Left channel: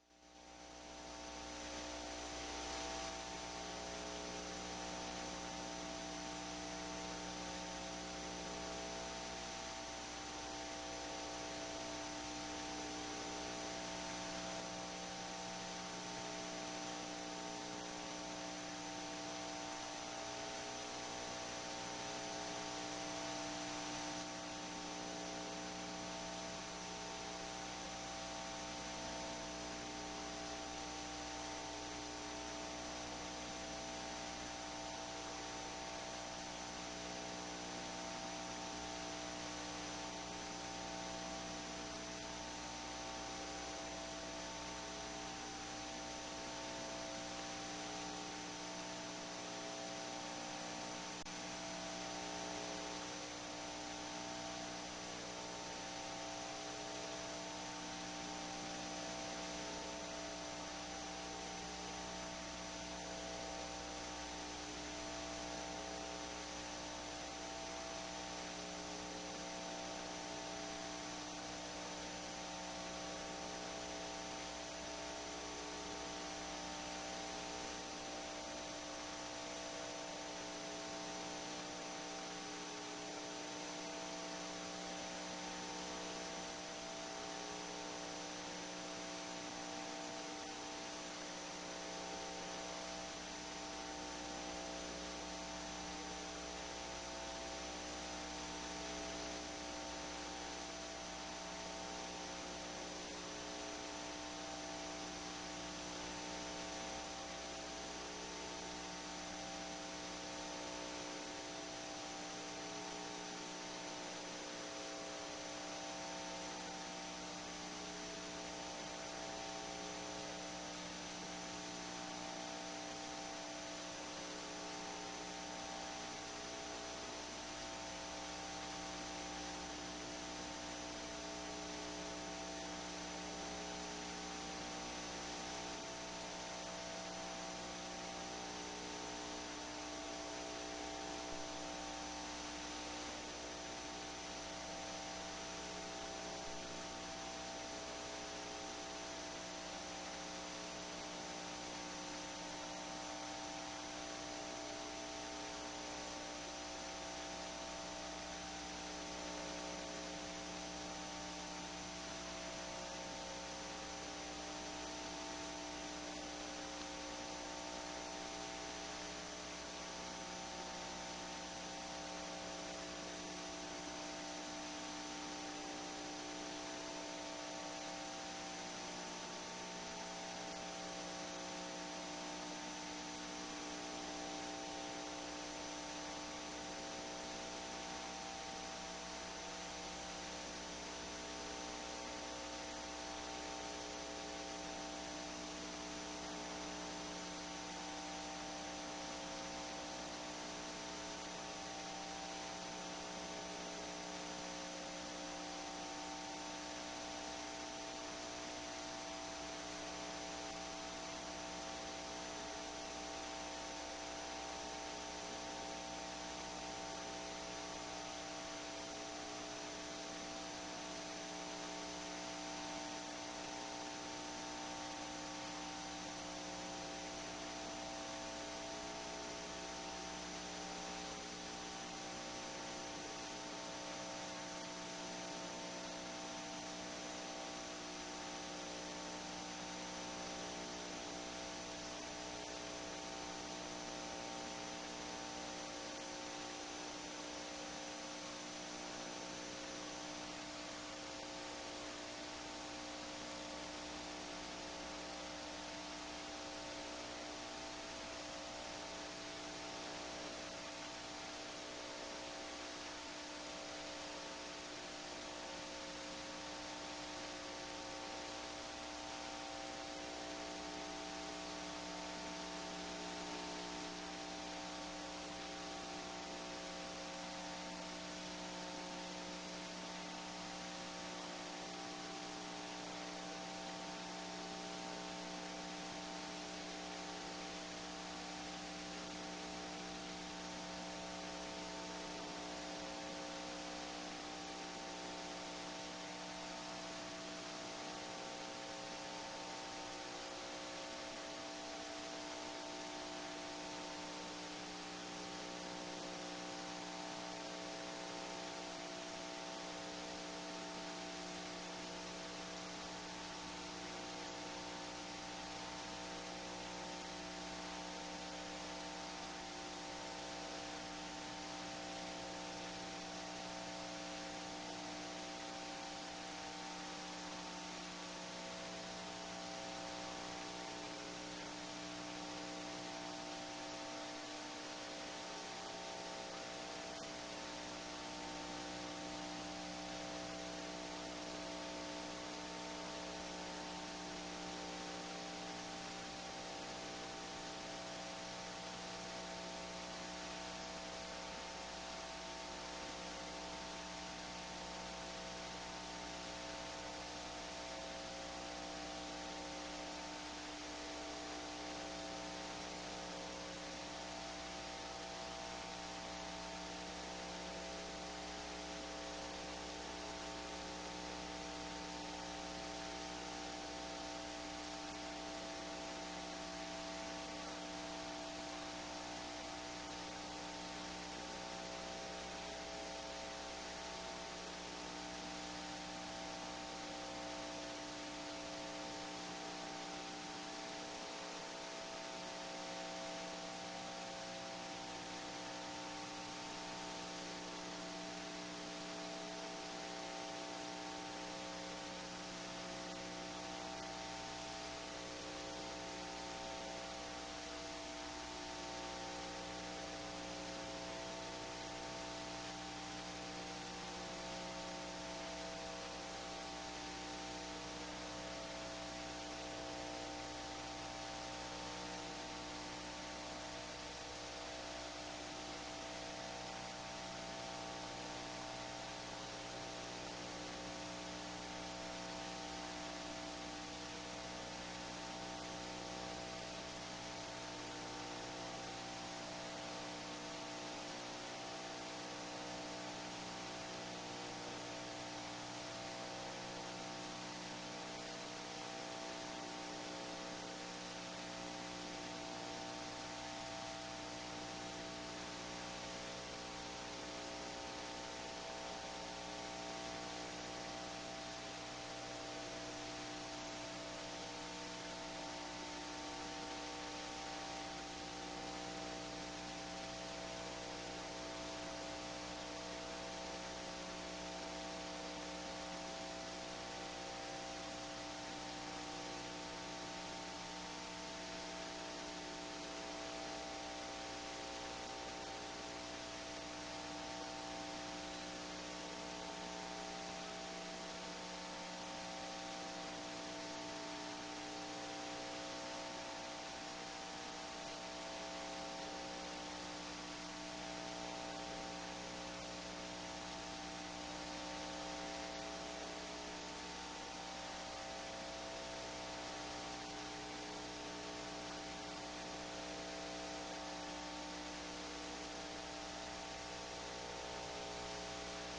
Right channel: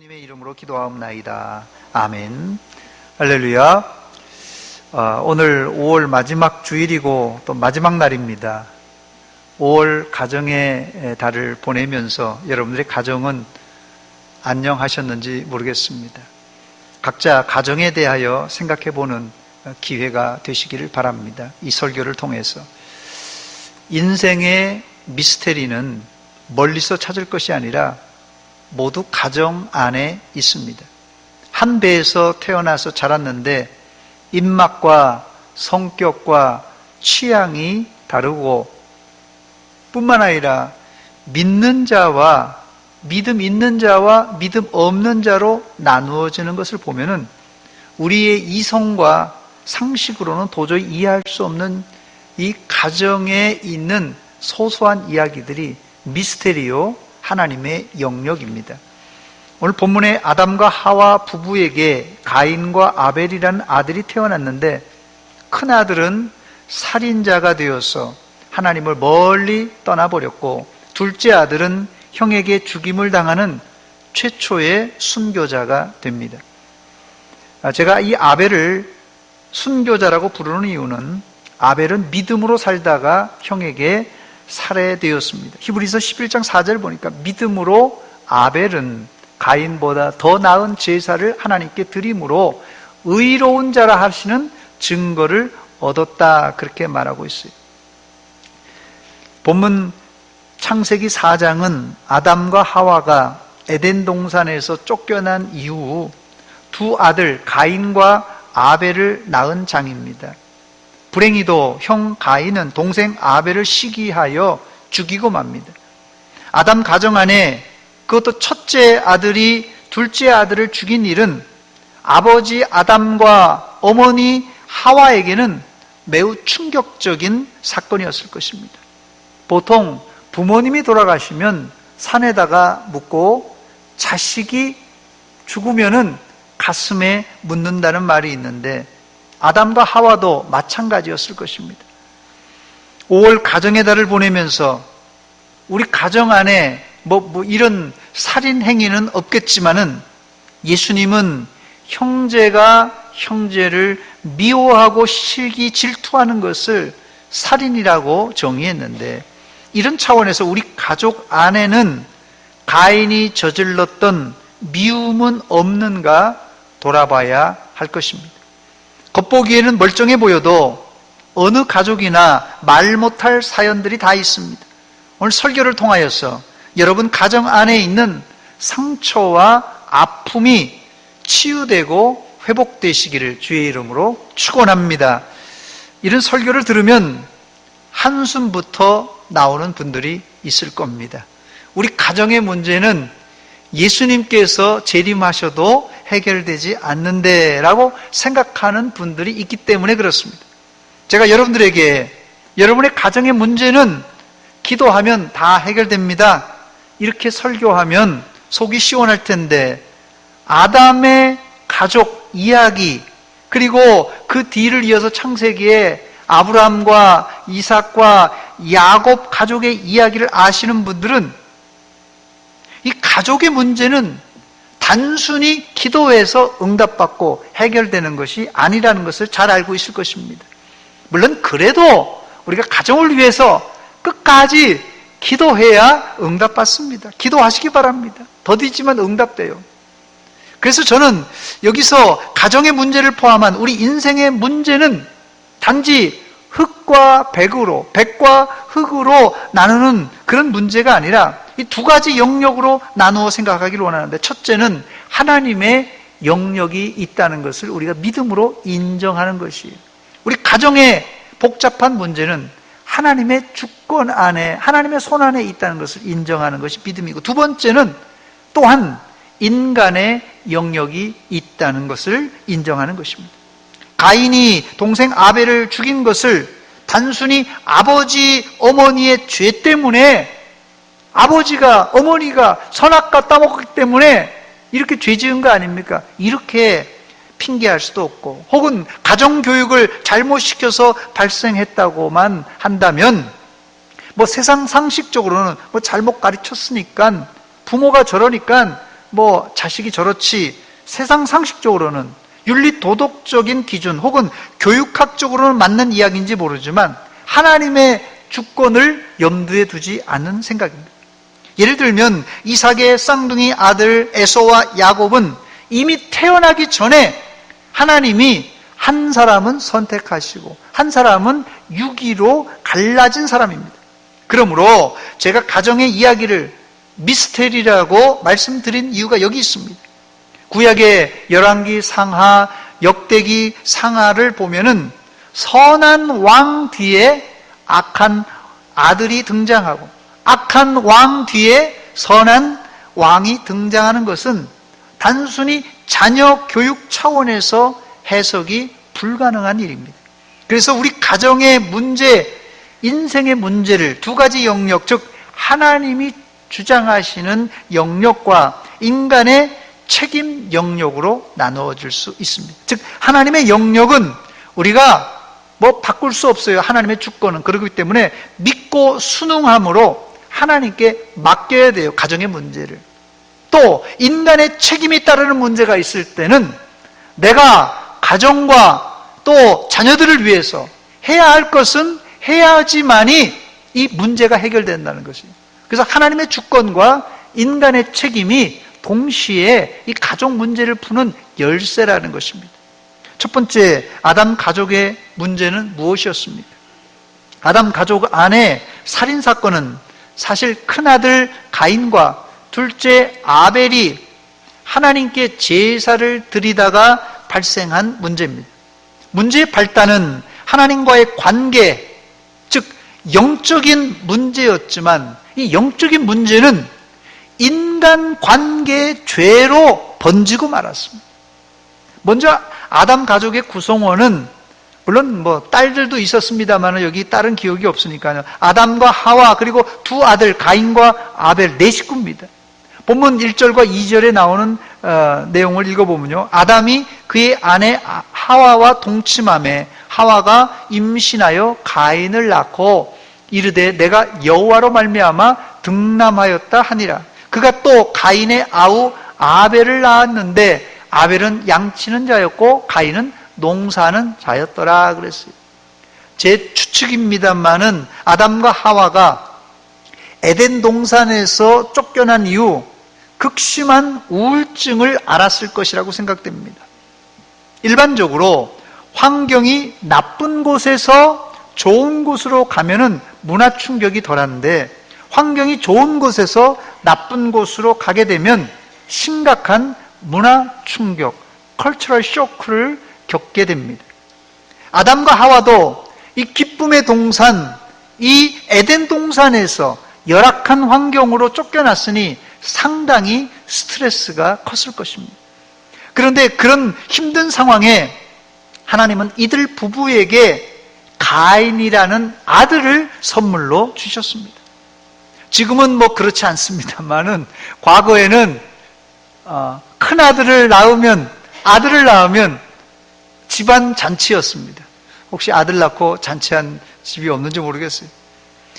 주님의 이름으로 기도하옵나이다. 아멘. 할렐루야. 오늘 5월 마지막 주일이고 또 마지막 날입니다. 5월 가정의 달을 보내면서 여러분들의 가정은 안녕하셨는지 모르겠습니다. 각자 가정에 대하여 생각해보는 기회가 되시기를 바랍니다. 이 설교를 통해서 인생의 미스테리는 멀리서 찾을 것이 아니라 모두 가정 안에 있습니다. 한 배에서 태어나서 자랐는데 입맛과 성격과 취향이 다르고 뿐만 아니라 믿는 자와 믿음 있는 자와 믿음 없는 자로 나누어지는 것을 보면은 우리의 이성과 상식으로는 도저히 이해할 수 없는 이 가정에 있는 소소한 이야기들이 미스테리오 하나님의 영역입니다. 오늘 본문에 아담과 하와 부부에게 가인과 아벨이라는 아들이 태어났는데 큰아들은 살인자가 되어서 하나님을 멀리 떠나버렸고 둘째 아들은 형에게 죽임을 당하는 최초의 순교자가 됩니다. 제가 이 아벨을 순교자라고 부르는 이유는 아벨은 믿음으로 살다가 형에게 살해되었습니다. 히브리서 11장 4절 보니까 믿음으로 아벨은 가인보다 더 나은 제사를 하나님께 드림으로 의로운 자라 하시는 증거를 얻었다, 그렇게 말하고 있어요. 본문 창세기 4장은 아담과 하와가 에덴 동산에서 쫓겨난 이후 두 아들 가인과 아벨을 낳은 장입니다. 불행히도 형 가인은 동생 아벨을 시기하여 죽이고 맙니다. 아담 가정 안에 그것도 첫째 아들이 둘째 아들을 죽인 일은 아버지 아담과 어머니 하와에게는 매우 충격적인 사건이었을 것입니다. 보통 부모님이 돌아가시면 산에다가 묻고 자식이 죽으면은 가슴에 묻는다는 말이 있는데 아담과 하와도 마찬가지였을 것입니다. 5월 가정의 달을 보내면서 우리 가정 안에 이런 살인 행위는 없겠지만은 예수님은 형제가 형제를 미워하고 실기 질투하는 것을 살인이라고 정의했는데 이런 차원에서 우리 가족 안에는 가인이 저질렀던 미움은 없는가 돌아봐야 할 것입니다. 겉보기에는 멀쩡해 보여도 어느 가족이나 말 못할 사연들이 다 있습니다. 오늘 설교를 통하여서 여러분 가정 안에 있는 상처와 아픔이 치유되고 회복되시기를 주의 이름으로 축원합니다. 이런 설교를 들으면 한숨부터 나오는 분들이 있을 겁니다. 우리 가정의 문제는 예수님께서 재림하셔도 해결되지 않는데 라고 생각하는 분들이 있기 때문에 그렇습니다. 제가 여러분들에게 여러분의 가정의 문제는 기도하면 다 해결됩니다, 이렇게 설교하면 속이 시원할 텐데 아담의 가족 이야기 그리고 그 뒤를 이어서 창세기에 아브라함과 이삭과 야곱 가족의 이야기를 아시는 분들은 이 가족의 문제는 단순히 기도해서 응답받고 해결되는 것이 아니라는 것을 잘 알고 있을 것입니다. 물론 그래도 우리가 가정을 위해서 끝까지 기도해야 응답받습니다. 기도하시기 바랍니다. 더디지만 응답돼요. 그래서 저는 여기서 가정의 문제를 포함한 우리 인생의 문제는 단지 흙과 백으로, 백과 흙으로 나누는 그런 문제가 아니라 이 두 가지 영역으로 나누어 생각하기를 원하는데, 첫째는 하나님의 영역이 있다는 것을 우리가 믿음으로 인정하는 것이에요. 우리 가정의 복잡한 문제는 하나님의 주권 안에, 하나님의 손 안에 있다는 것을 인정하는 것이 믿음이고, 두 번째는 또한 인간의 영역이 있다는 것을 인정하는 것입니다. 가인이 동생 아벨을 죽인 것을 단순히 아버지 어머니의 죄 때문에, 아버지가 어머니가 선악과 따먹기 때문에 이렇게 죄 지은 거 아닙니까? 이렇게 핑계할 수도 없고, 혹은 가정교육을 잘못시켜서 발생했다고만 한다면 세상 상식적으로는 잘못 가르쳤으니까, 부모가 저러니까 자식이 저렇지, 세상 상식적으로는 윤리 도덕적인 기준 혹은 교육학적으로는 맞는 이야기인지 모르지만 하나님의 주권을 염두에 두지 않는 생각입니다. 예를 들면 이삭의 쌍둥이 아들 에서와 야곱은 이미 태어나기 전에 하나님이 한 사람은 선택하시고 한 사람은 유기로 갈라진 사람입니다. 그러므로 제가 가정의 이야기를 미스테리라고 말씀드린 이유가 여기 있습니다. 구약의 열왕기 상하, 역대기 상하를 보면은 선한 왕 뒤에 악한 아들이 등장하고 악한 왕 뒤에 선한 왕이 등장하는 것은 단순히 자녀 교육 차원에서 해석이 불가능한 일입니다. 그래서 우리 가정의 문제, 인생의 문제를 두 가지 영역, 즉 하나님이 주장하시는 영역과 인간의 책임 영역으로 나누어질 수 있습니다. 즉 하나님의 영역은 우리가 바꿀 수 없어요. 하나님의 주권은. 그렇기 때문에 믿고 순응함으로 하나님께 맡겨야 돼요. 가정의 문제를. 또 인간의 책임이 따르는 문제가 있을 때는 내가 가정과 또 자녀들을 위해서 해야 할 것은 해야지만이 이 문제가 해결된다는 것입니다. 그래서 하나님의 주권과 인간의 책임이 동시에 이 가족 문제를 푸는 열쇠라는 것입니다. 첫 번째, 아담 가족의 문제는 무엇이었습니까? 아담 가족 안에 살인사건은 사실 큰아들 가인과 둘째 아벨이 하나님께 제사를 드리다가 발생한 문제입니다. 문제의 발단은 하나님과의 관계, 즉 영적인 문제였지만 이 영적인 문제는 인간 관계의 죄로 번지고 말았습니다. 먼저 아담 가족의 구성원은 물론 딸들도 있었습니다만 여기 딸은 기억이 없으니까요. 아담과 하와 그리고 두 아들 가인과 아벨 네 식구입니다. 본문 1절과 2절에 나오는 내용을 읽어보면요. 아담이 그의 아내 하와와 동침하매 하와가 임신하여 가인을 낳고 이르되 내가 여호와로 말미암아 등남하였다 하니라. 그가 또 가인의 아우 아벨을 낳았는데 아벨은 양치는 자였고 가인은 농사하는 자였더라 그랬어요. 제 추측입니다만은 아담과 하와가 에덴 동산에서 쫓겨난 이후 극심한 우울증을 앓았을 것이라고 생각됩니다. 일반적으로 환경이 나쁜 곳에서 좋은 곳으로 가면은 문화 충격이 덜한데 환경이 좋은 곳에서 나쁜 곳으로 가게 되면 심각한 문화 충격, 컬처럴 쇼크를 겪게 됩니다. 아담과 하와도 이 기쁨의 동산, 이 에덴 동산에서 열악한 환경으로 쫓겨났으니 상당히 스트레스가 컸을 것입니다. 그런데 그런 힘든 상황에 하나님은 이들 부부에게 가인이라는 아들을 선물로 주셨습니다. 지금은 그렇지 않습니다만은 과거에는 큰 아들을 낳으면 집안 잔치였습니다. 혹시 아들 낳고 잔치한 집이 없는지 모르겠어요.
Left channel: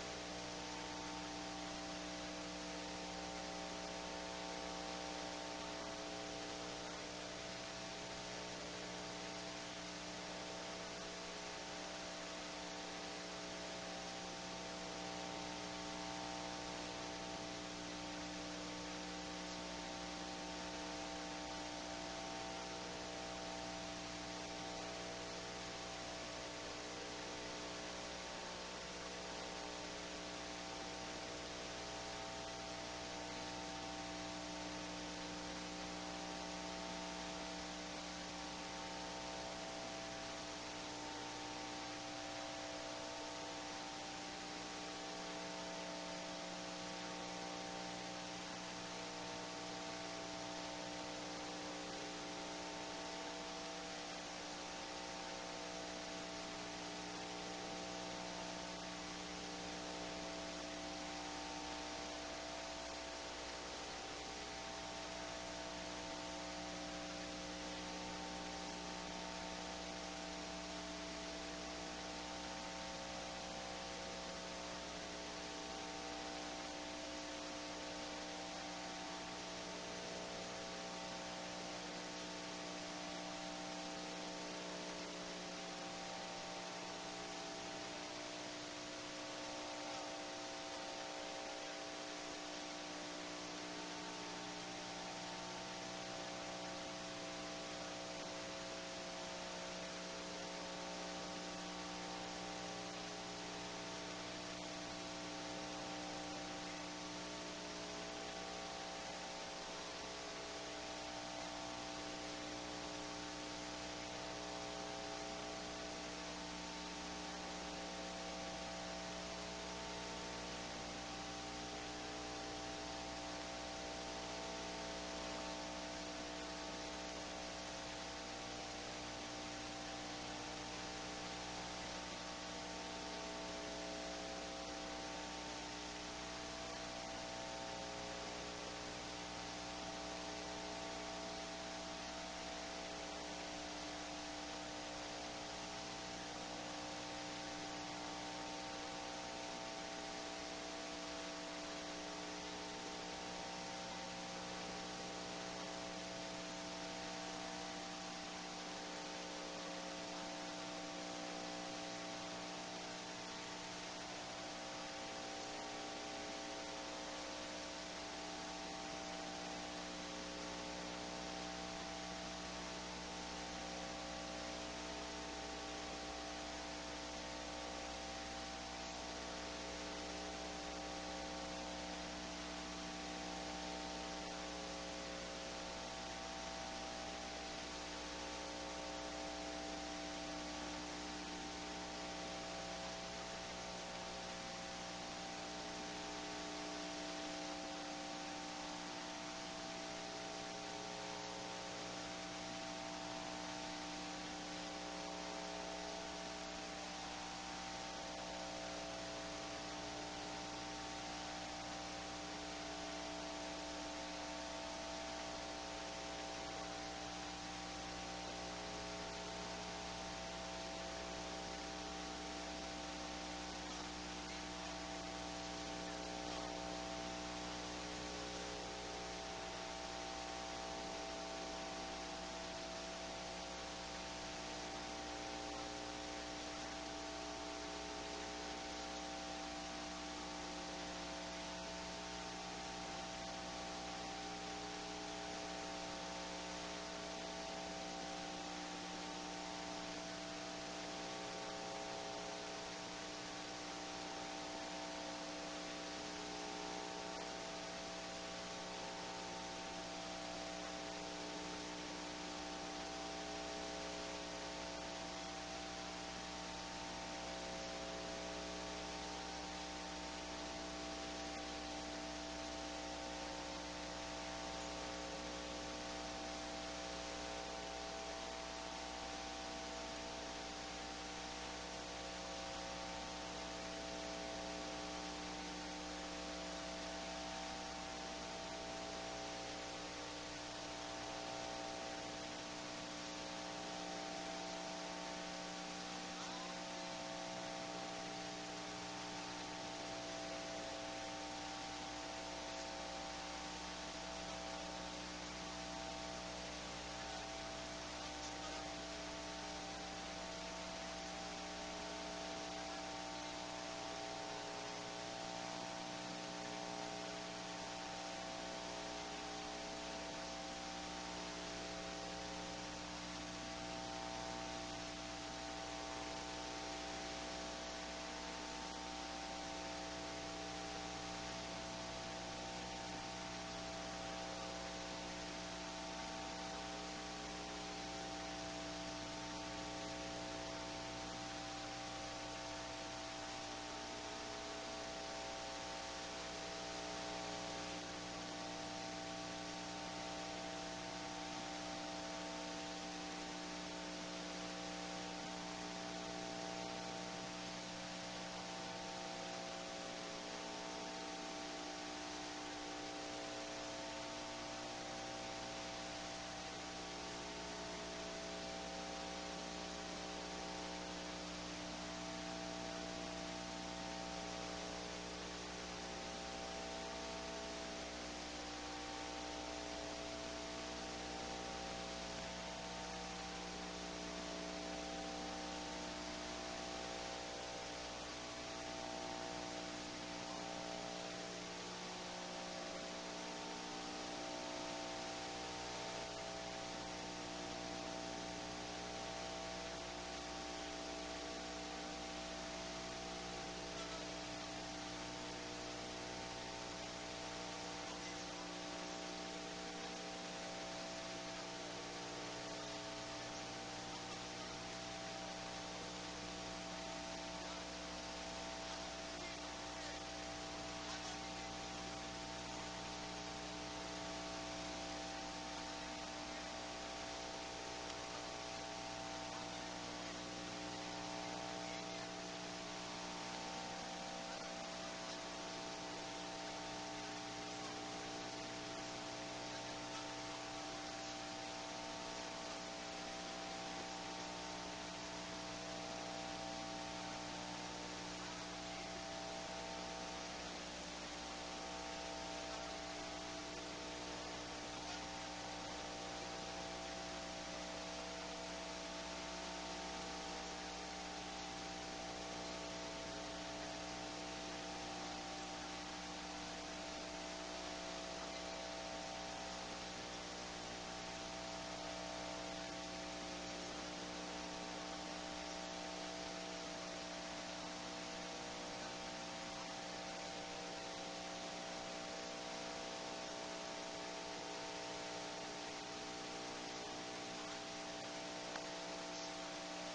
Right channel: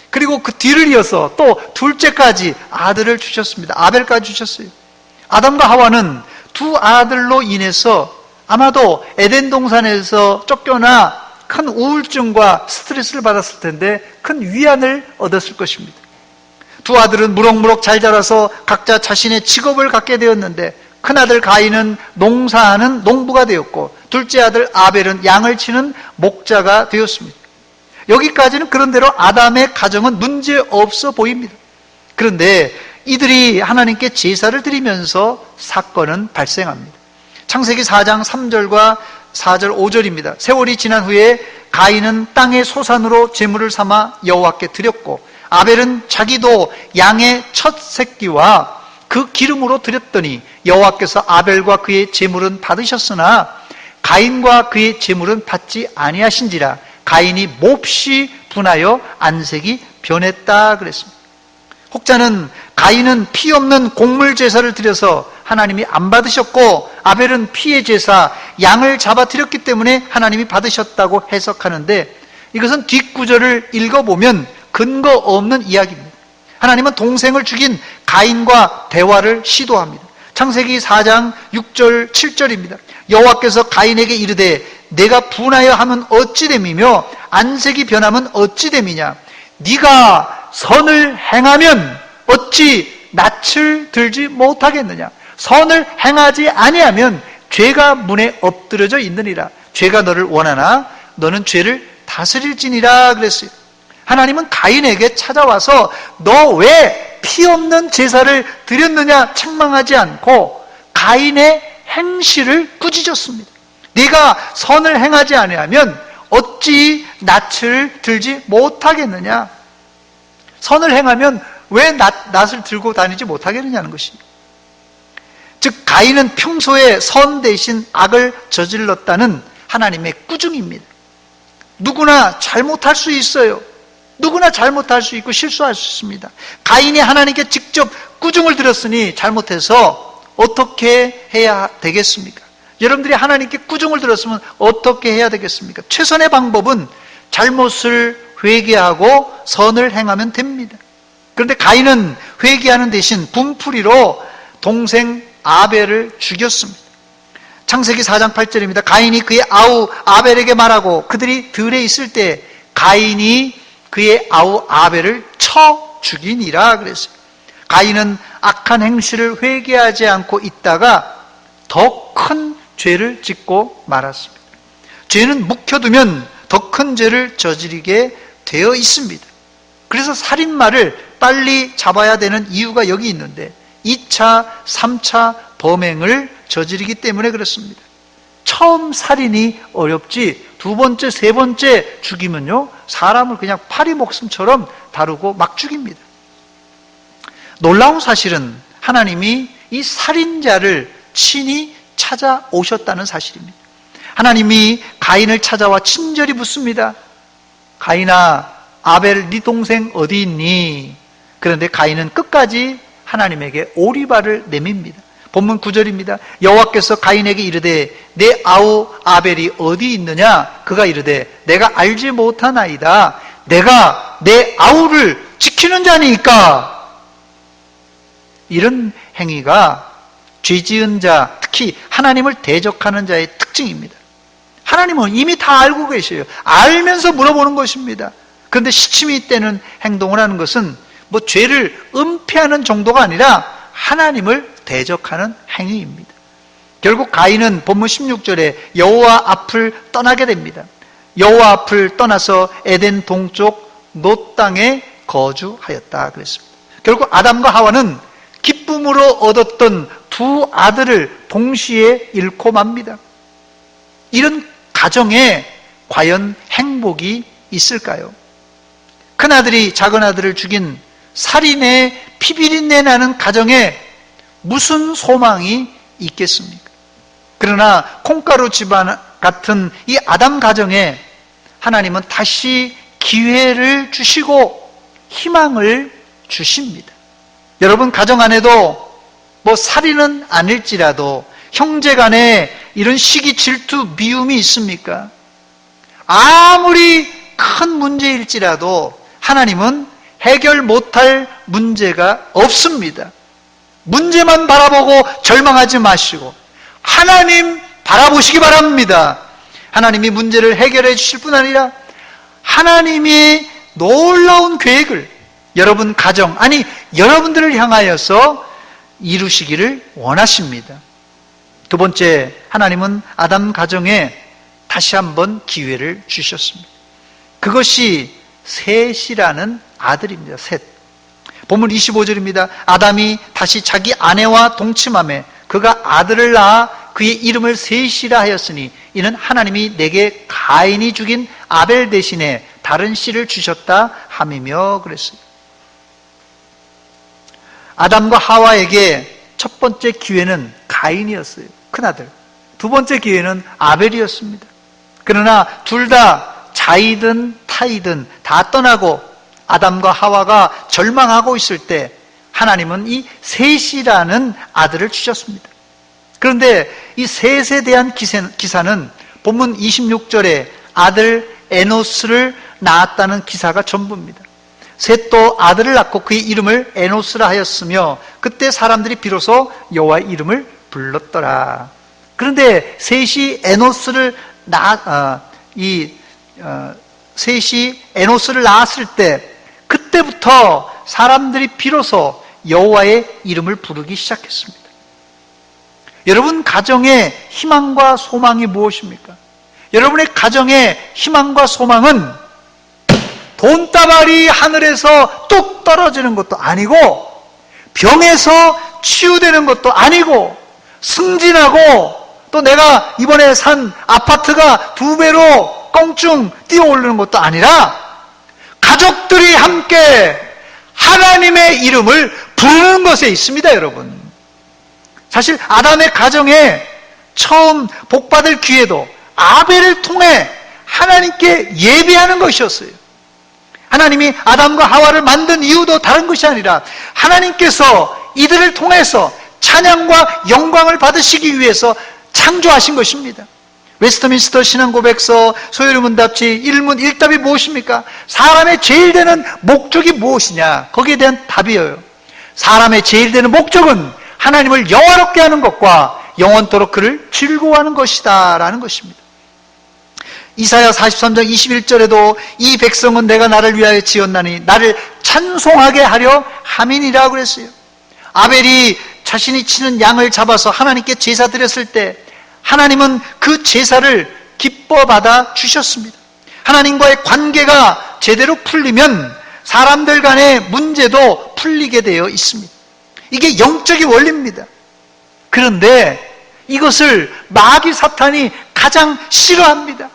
그리고 그 뒤를 이어서 또 둘째까지 아들을 주셨습니다. 아벨까지 주셨어요. 아담과 하와는 두 아들로 인해서 아마도 에덴 동산에서 쫓겨나 큰 우울증과 스트레스를 받았을 텐데 큰 위안을 얻었을 것입니다. 두 아들은 무럭무럭 잘 자라서 각자 자신의 직업을 갖게 되었는데 큰아들 가인은 농사하는 농부가 되었고 둘째 아들 아벨은 양을 치는 목자가 되었습니다. 여기까지는 그런대로 아담의 가정은 문제없어 보입니다. 그런데 이들이 하나님께 제사를 드리면서 사건은 발생합니다. 창세기 4장 3절과 4절 5절입니다. 세월이 지난 후에 가인은 땅의 소산으로 제물을 삼아 여호와께 드렸고 아벨은 자기도 양의 첫 새끼와 그 기름으로 드렸더니 여호와께서 아벨과 그의 제물은 받으셨으나 가인과 그의 제물은 받지 아니하신지라. 가인이 몹시 분하여 안색이 변했다 그랬습니다. 혹자는 가인은 피 없는 곡물 제사를 드려서 하나님이 안 받으셨고 아벨은 피의 제사 양을 잡아 드렸기 때문에 하나님이 받으셨다고 해석하는데 이것은 뒷구절을 읽어보면 근거 없는 이야기입니다. 하나님은 동생을 죽인 가인과 대화를 시도합니다. 창세기 4장 6절 7절입니다. 여호와께서 가인에게 이르되 내가 분하여 하면 어찌 됨이며 안색이 변하면 어찌 됨이냐. 네가 선을 행하면 어찌 낯을 들지 못하겠느냐. 선을 행하지 아니하면 죄가 문에 엎드려져 있느니라. 죄가 너를 원하나 너는 죄를 다스릴지니라 그랬어요. 하나님은 가인에게 찾아와서 너 왜 피 없는 제사를 드렸느냐 책망하지 않고 가인의 행실을 꾸짖었습니다. 네가 선을 행하지 아니하면 어찌 낯을 들지 못하겠느냐. 선을 행하면 왜 낯을 들고 다니지 못하겠느냐는 것입니다. 즉 가인은 평소에 선 대신 악을 저질렀다는 하나님의 꾸중입니다. 누구나 잘못할 수 있어요. 누구나 잘못할 수 있고 실수할 수 있습니다. 가인이 하나님께 직접 꾸중을 들었으니 잘못해서 어떻게 해야 되겠습니까? 여러분들이 하나님께 꾸중을 들었으면 어떻게 해야 되겠습니까? 최선의 방법은 잘못을 회개하고 선을 행하면 됩니다. 그런데 가인은 회개하는 대신 분풀이로 동생 아벨을 죽였습니다. 창세기 4장 8절입니다. 가인이 그의 아우 아벨에게 말하고 그들이 들에 있을 때 가인이 그의 아우 아벨을 쳐 죽이니라 그랬어요. 가인은 악한 행실을 회개하지 않고 있다가 더 큰 죄를 짓고 말았습니다. 죄는 묵혀두면 더 큰 죄를 저지르게 되어 있습니다. 그래서 살인마를 빨리 잡아야 되는 이유가 여기 있는데 2차, 3차 범행을 저지르기 때문에 그렇습니다. 처음 살인이 어렵지 두 번째, 세 번째 죽이면요 사람을 그냥 파리 목숨처럼 다루고 막 죽입니다. 놀라운 사실은 하나님이 이 살인자를 친히 찾아오셨다는 사실입니다. 하나님이 가인을 찾아와 친절히 묻습니다. 가인아, 아벨 네 동생 어디 있니? 그런데 가인은 끝까지 하나님에게 오리발을 내밉니다. 본문 9절입니다. 여호와께서 가인에게 이르되 내 아우 아벨이 어디 있느냐? 그가 이르되 내가 알지 못하나이다. 내가 내 아우를 지키는 자니까. 이런 행위가 죄지은 자, 특히 하나님을 대적하는 자의 특징입니다. 하나님은 이미 다 알고 계셔요. 알면서 물어보는 것입니다. 그런데 시침이 떼는 행동을 하는 것은 뭐 죄를 은폐하는 정도가 아니라 하나님을 대적하는 행위입니다. 결국 가인은 본문 16절에 여호와 앞을 떠나게 됩니다. 여호와 앞을 떠나서 에덴 동쪽 놋 땅에 거주하였다 그랬습니다. 결국 아담과 하와는 기쁨으로 얻었던 두 아들을 동시에 잃고 맙니다. 이런 가정에 과연 행복이 있을까요? 큰아들이 작은아들을 죽인 살인의 피비린내 나는 가정에 무슨 소망이 있겠습니까? 그러나 콩가루 집안 같은 이 아담 가정에 하나님은 다시 기회를 주시고 희망을 주십니다. 여러분 가정 안에도 뭐 살인은 아닐지라도 형제간에 이런 시기, 질투, 미움이 있습니까? 아무리 큰 문제일지라도 하나님은 해결 못할 문제가 없습니다. 문제만 바라보고 절망하지 마시고 하나님 바라보시기 바랍니다. 하나님이 문제를 해결해 주실 뿐 아니라 하나님이 놀라운 계획을 여러분 가정, 아니 여러분들을 향하여서 이루시기를 원하십니다. 두 번째, 하나님은 아담 가정에 다시 한번 기회를 주셨습니다. 그것이 셋이라는 아들입니다. 셋. 본문 25절입니다. 아담이 다시 자기 아내와 동침하며 그가 아들을 낳아 그의 이름을 셋이라 하였으니 이는 하나님이 내게 가인이 죽인 아벨 대신에 다른 씨를 주셨다 함이며 그랬어요. 아담과 하와에게 첫 번째 기회는 가인이었어요. 큰아들. 두 번째 기회는 아벨이었습니다. 그러나 둘 다 자이든 타이든 다 떠나고 아담과 하와가 절망하고 있을 때 하나님은 이 셋이라는 아들을 주셨습니다. 그런데 이 셋에 대한 기사는 본문 26절에 아들 에노스를 낳았다는 기사가 전부입니다. 셋도 아들을 낳고 그의 이름을 에노스라 하였으며 그때 사람들이 비로소 여호와의 이름을 불렀더라. 그런데 셋이 에노스를 낳았을 때 그때부터 사람들이 비로소 여호와의 이름을 부르기 시작했습니다. 여러분 가정의 희망과 소망이 무엇입니까? 여러분의 가정의 희망과 소망은 돈다발이 하늘에서 뚝 떨어지는 것도 아니고 병에서 치유되는 것도 아니고 승진하고 또 내가 이번에 산 아파트가 2배로 껑충 뛰어오르는 것도 아니라 가족들이 함께 하나님의 이름을 부르는 것에 있습니다, 여러분. 사실 아담의 가정에 처음 복받을 기회도 아벨을 통해 하나님께 예배하는 것이었어요. 하나님이 아담과 하와를 만든 이유도 다른 것이 아니라 하나님께서 이들을 통해서 찬양과 영광을 받으시기 위해서 창조하신 것입니다. 웨스트민스터 신앙고백서 소요리문답지 1문 1답이 무엇입니까? 사람의 제일 되는 목적이 무엇이냐? 거기에 대한 답이에요. 사람의 제일 되는 목적은 하나님을 영화롭게 하는 것과 영원토록 그를 즐거워하는 것이다 라는 것입니다. 이사야 43장 21절에도 이 백성은 내가 나를 위하여 지었나니 나를 찬송하게 하려 함이니라 그랬어요. 아벨이 자신이 치는 양을 잡아서 하나님께 제사 드렸을 때 하나님은 그 제사를 기뻐 받아 주셨습니다. 하나님과의 관계가 제대로 풀리면 사람들 간의 문제도 풀리게 되어 있습니다. 이게 영적인 원리입니다. 그런데 이것을 마귀 사탄이 가장 싫어합니다.